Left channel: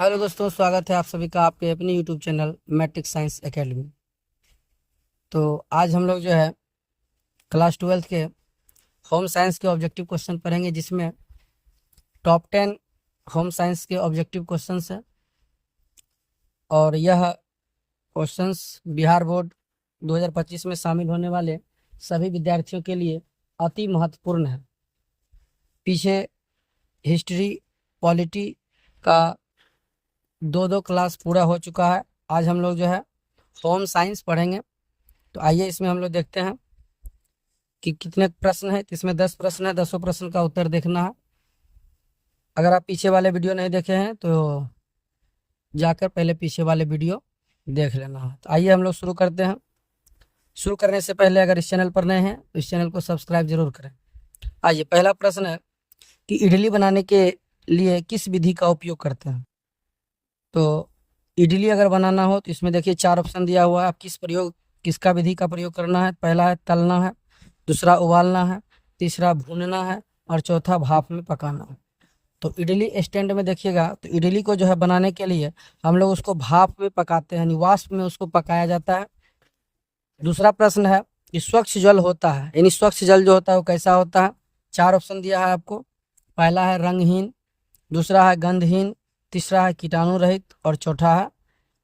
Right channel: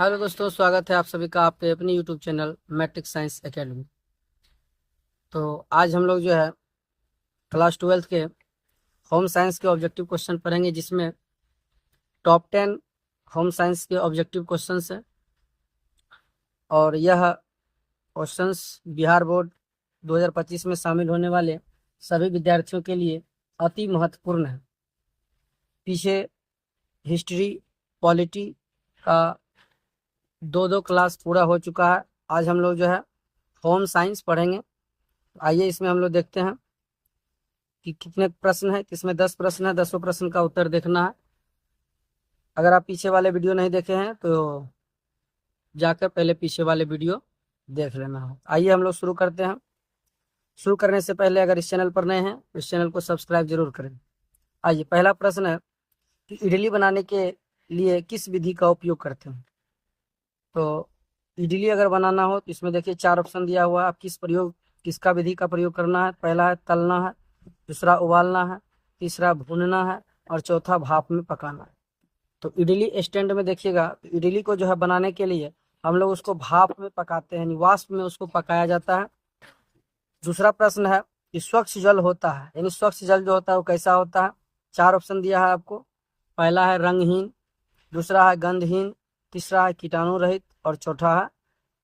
Hello दोस्तों, स्वागत है आप सभी का आपके अपने YouTube channel Matric Science Academy. तो आज हम लोग जो है क्लास 12 के होम साइंस के ऑब्जेक्टिव क्वेश्चन पढ़ेंगे, जिसमें टॉप 10 होम साइंस के ऑब्जेक्टिव क्वेश्चंस हैं। और यह क्वेश्चंस बिहार बोर्ड 2025 में शामिल होने वाले सभी विद्यार्थियों के लिए अति महत्वपूर्ण है। पीछे हिस्ट्री, पॉलिटी का दो दो क्लास पूरा हो चुका है। आज हम लोग जो है होम साइंस पढ़ेंगे। तो आइए इसमें हम लोग देखते हैं कि कितने प्रश्न हैं। इसमें 10 प्रश्न है, 10 प्रश्न का उत्तर देखना है। अगर आप पीछे वाले वीडियो नहीं देखे हैं तो जाकर पहले पीछे वाले वीडियो देख लेना है। तो आइए हम लोग शुरू करते हैं। शुरू करने से पहले अगर इस चैनल पर नए हैं तो इस चैनल को सब्सक्राइब जरूर करें। आइए, पहला प्रश्न है कि इडली बनाने के लिए किस विधि का उपयोग करते हैं। तो इडली अगर बनाना हो तो इसमें देखिए 4 ऑप्शन दिया हुआ है। आप किसका विधि का प्रयोग करना है। पहला है तलना है, दूसरा उबालना है, तीसरा भूनना है और चौथा भाप में पकाना है। तो इडली स्टैंड में देखिएगा तो इडली को जो है बनाने के लिए हम लोग उसको भाप में पकाते हैं, यानी वाष्प में उसको पकाया जाता है। दूसरा प्रश्न है कि स्वच्छ जल होता है, यानी स्वच्छ जल जो होता है वो कैसा होता है। 4 ऑप्शन दिया है आपको। पहला है रंगहीन, दूसरा है गंधहीन, तीसरा है कीटाणु रहित और चौथा है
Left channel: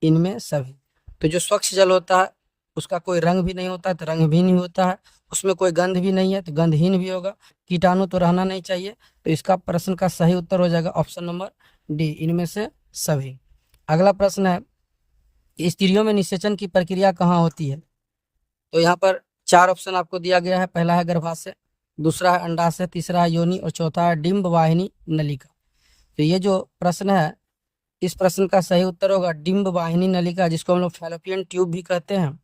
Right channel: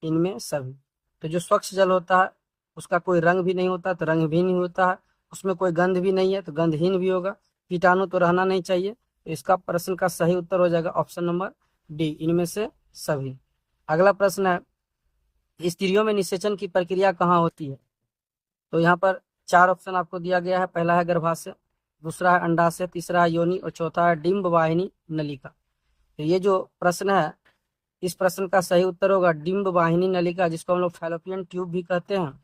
इनमें सभी। तो जो स्वच्छ जल होता है उसका कोई रंग भी नहीं होता तो रंगहीन ही होता है, उसमें कोई गंध भी नहीं है तो गंधहीन भी होगा, कीटाणु तो रहना नहीं चाहिए। तो इसका प्रश्न का सही उत्तर हो जाएगा ऑप्शन नंबर डी, इनमें से सभी। अगला प्रश्न है कि स्त्रियों में निषेचन की प्रक्रिया कहाँ होती है। तो यहाँ पर 4 ऑप्शन आपको दिया गया है। पहला है गर्भाशय, दूसरा है अंडाशय, तीसरा है योनि और चौथा है डिंब वाहिनी नलिका। तो ये जो प्रश्न है इस प्रश्न का सही उत्तर होगा डिंब वाहिनी नलिका, जिसको हम लोग फैलोपियन ट्यूब भी कहते हैं।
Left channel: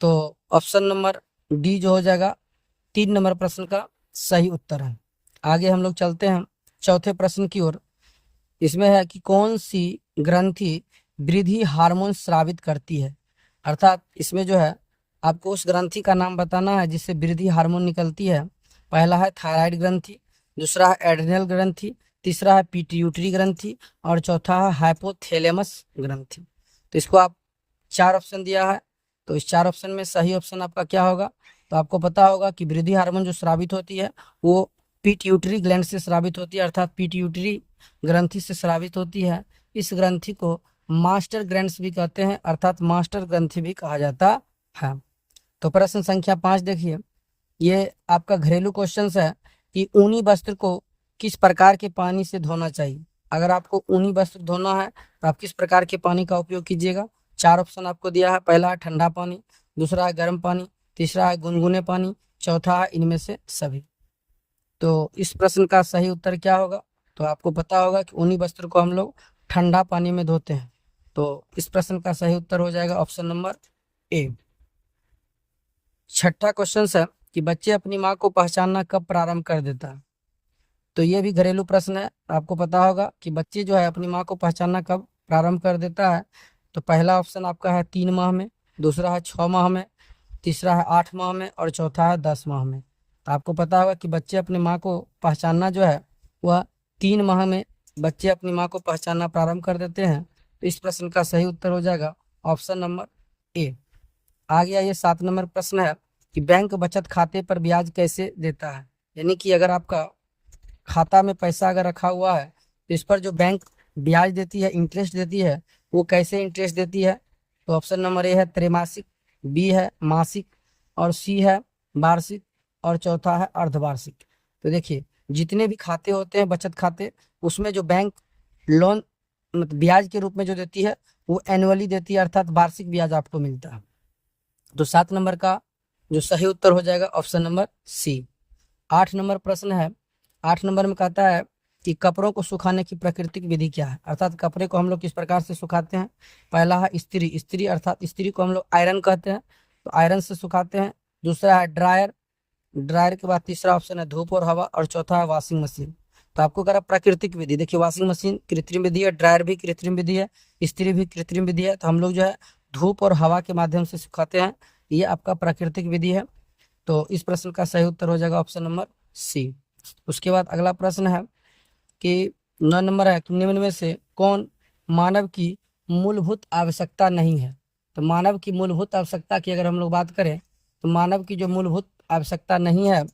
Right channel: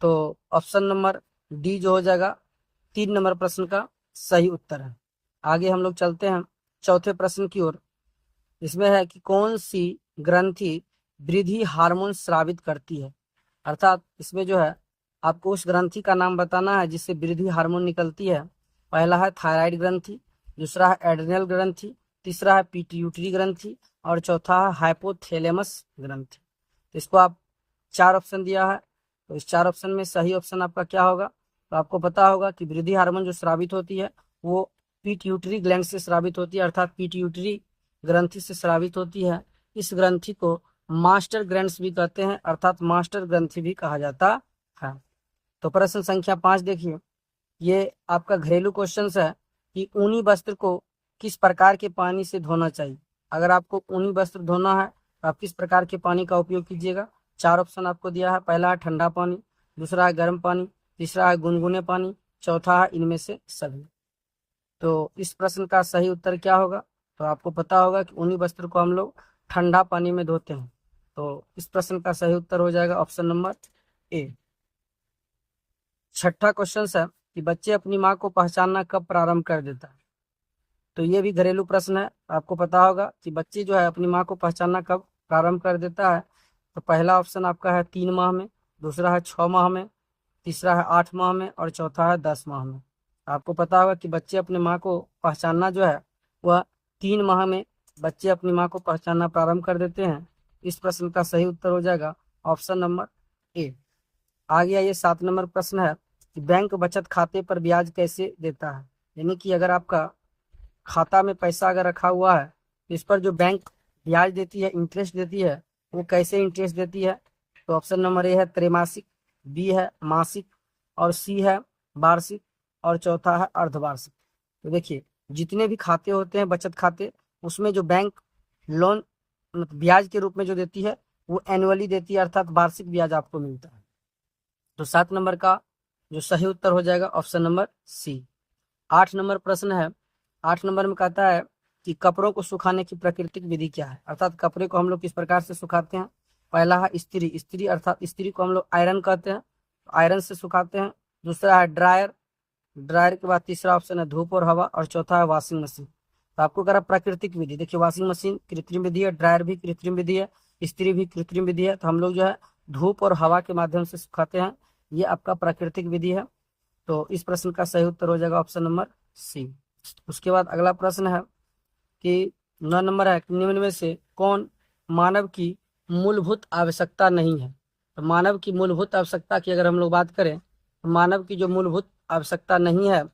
तो ऑप्शन नंबर डी जो हो जाएगा 3 नंबर प्रश्न का सही उत्तर है। आगे हम लोग चलते हैं चौथे प्रश्न की ओर। इसमें है कि कौन सी ग्रंथि वृद्धि हार्मोन स्रावित करती है। अर्थात इसमें जो है आपको उस ग्रंथि का नाम बताना है जिससे वृद्धि हार्मोन निकलती है। पहला है थायराइड ग्रंथि, दूसरा है एड्रिनल ग्रंथि, तीसरा है पिट्यूटरी ग्रंथि और चौथा है हाइपोथैलेमस ग्रंथि। तो इसको आप 4 ऑप्शन दिया है। तो इस 4 ऑप्शन में सही ऑप्शन आपका क्या होगा। तो आपको पता होगा कि वृद्धि हार्मोन जो स्रावित होती है वो पिट्यूटरी ग्लैंड से स्रावित होती है, अर्थात पिट्यूटरी ग्रंथि से स्रावित होती है। इस ग्रंथि को मास्टर ग्लैंड्स भी कहते हैं, अर्थात मास्टर ग्रंथि भी कहा जाता है। तो प्रश्न संख्या 5 देखिए, ये आपका घरेलू क्वेश्चन है कि ऊनी वस्त्र को किस प्रकार के पानी से धोना चाहिए। अगर आपको ऊनी वस्त्र धोना है तो आप किस प्रकार के पानी का उपयोग कीजिएगा। 4 ऑप्शन आपको दिया है। पहला है ठंडा पानी, दूसरा है गर्म पानी, तीसरा है गुनगुने पानी, चौथा है इनमें से सभी। तो इस प्रश्न का सही उत्तर क्या होगा। तो आपको पता होगा कि ऊनी वस्त्र को हम लोग ठंडा पानी में धोते हैं। तो इस प्रश्न का सही उत्तर हो जाएगा ऑप्शन नंबर ए। छठा क्वेश्चन है कि बच्चे अपनी माँ को पहचानना कब प्रारंभ कर देता है। तो ये भी घरेलू प्रश्न है। आपको पता होगा कि बच्चे जो है अपनी माँ को पहचानना कब प्रारंभ कर देता है। तो पहला ऑप्शन आपका है 3 माह में, दूसरा है 6 माह में, तीसरा है 8 माह में और चौथा है 10 माह में। तो आपको पता होगा कि बच्चे अपनी माँ को पहचानना जो है वह 3 माह में बच्चे अपनी माँ को पहचानना प्रारंभ कर देते हैं। तो इस प्रश्न का सही उत्तर हो जाएगा ऑप्शन नंबर ए। आगे आइए 7 नंबर प्रश्न है कि बैंक बचत खाते पर ब्याज कैसे देता है। यानी कि अगर आपका खाता में पैसा अगर रखा हुआ है तो इस पर जो बैंक ब्याज देती है, इंटरेस्ट देती है, वो कैसे इंटरेस्ट देती है। तो ऑप्शन नंबर ए है त्रैमासिक, बी है मासिक और सी है वार्षिक और चौथा है अर्धवार्षिक। तो देखिए जितने भी खाते होते हैं बचत खाते, उसमें जो बैंक लोन मतलब ब्याज के रूप में जो देती है वो एनुअली देती है, अर्थात वार्षिक ब्याज आपको मिलता है। तो 7 नंबर का जो सही उत्तर हो जाएगा ऑप्शन नंबर सी। 8 नंबर प्रश्न है। 8 नंबर में कहता है कि कपड़ों को सुखाने की प्राकृतिक विधि क्या है, अर्थात कपड़े को हम लोग किस प्रकार से सुखाते हैं। पहला है इस्त्री, इस्त्री अर्थात इस्त्री को हम लोग आयरन कहते हैं, तो आयरन से सुखाते हैं। दूसरा है ड्रायर, ड्रायर के बाद तीसरा ऑप्शन है धूप और हवा और चौथा है वॉशिंग मशीन। तो आपको करा प्राकृतिक विधि, देखिए वॉशिंग मशीन कृत्रिम विधि है, ड्रायर भी कृत्रिम विधि है, इस्त्री भी कृत्रिम विधि है। तो हम लोग जो है धूप और हवा के माध्यम से सुखाते हैं, ये आपका प्राकृतिक विधि है। तो इस प्रश्न का सही उत्तर हो जाएगा ऑप्शन नंबर सी। उसके बाद अगला प्रश्न है कि 9 नंबर है कि निम्न में से कौन मानव की मूलभूत आवश्यकता नहीं है। तो मानव की मूलभूत आवश्यकता की अगर हम लोग बात करें तो मानव की जो मूलभूत आवश्यकता नहीं है,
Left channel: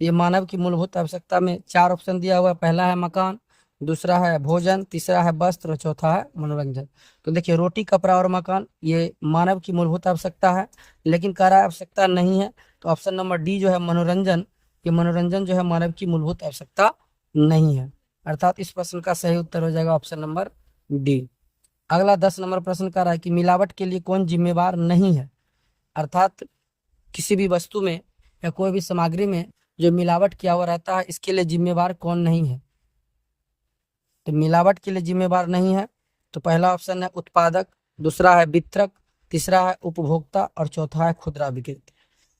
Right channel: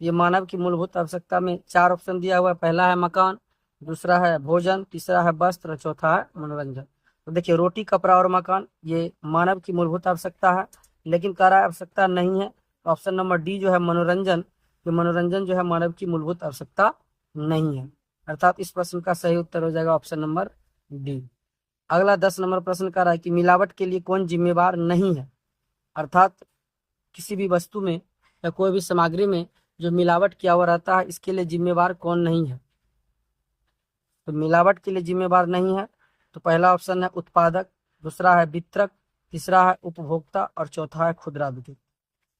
ये मानव की मूलभूत आवश्यकता में 4 ऑप्शन दिया हुआ है। पहला है मकान, दूसरा है भोजन, तीसरा है वस्त्र, चौथा है मनोरंजन। तो देखिए रोटी, कपड़ा और मकान ये मानव की मूलभूत आवश्यकता है, लेकिन कह रहा है आवश्यकता नहीं है। तो ऑप्शन नंबर डी जो है मनोरंजन, ये मनोरंजन जो है मानव की मूलभूत आवश्यकता नहीं है। अर्थात इस प्रश्न का सही उत्तर हो जाएगा ऑप्शन नंबर डी। अगला 10 नंबर प्रश्न कह रहा है कि मिलावट के लिए कौन जिम्मेवार नहीं है। अर्थात किसी भी वस्तु में या कोई भी सामग्री में जो मिलावट किया हुआ रहता है, इसके लिए जिम्मेवार कौन नहीं है। तो मिलावट के लिए जिम्मेवार नहीं है तो पहला ऑप्शन है उत्पादक, दूसरा है वितरक, तीसरा है उपभोक्ता और चौथा है खुदरा विक्रेता।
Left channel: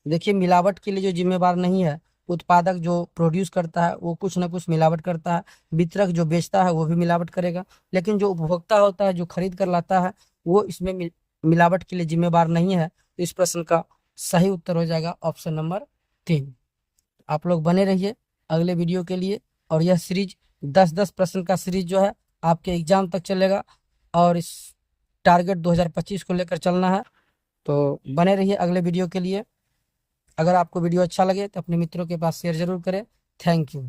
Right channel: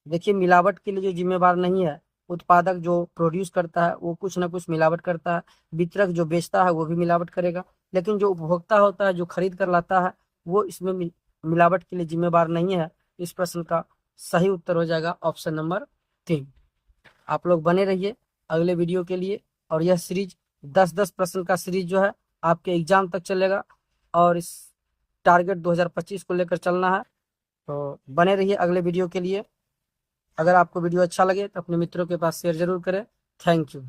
देखिए मिलावट के लिए जो जिम्मेवार नहीं है, उत्पादक जो प्रोड्यूस करता है वो कुछ ना कुछ मिलावट करता है, वितरक जो बेचता है वो भी मिलावट करेगा, लेकिन जो उपभोक्ता होता है जो खरीद कर लाता है वो इसमें मिलावट के लिए जिम्मेवार नहीं है। तो इस प्रश्न का सही उत्तर हो जाएगा ऑप्शन नंबर 3। आप लोग बने रहिए अगले वीडियो के लिए, और यह सीरीज 10-10 प्रश्न का सीरीज जो है आपके एग्जाम तक चलेगा और इस टारगेट 2025 को लेकर चलना है। तो बने रहिए अगले वीडियो के लिए। अगर आपको वीडियो अच्छा लगे तो अपने मित्रों के पास शेयर जरूर करें। Thank you.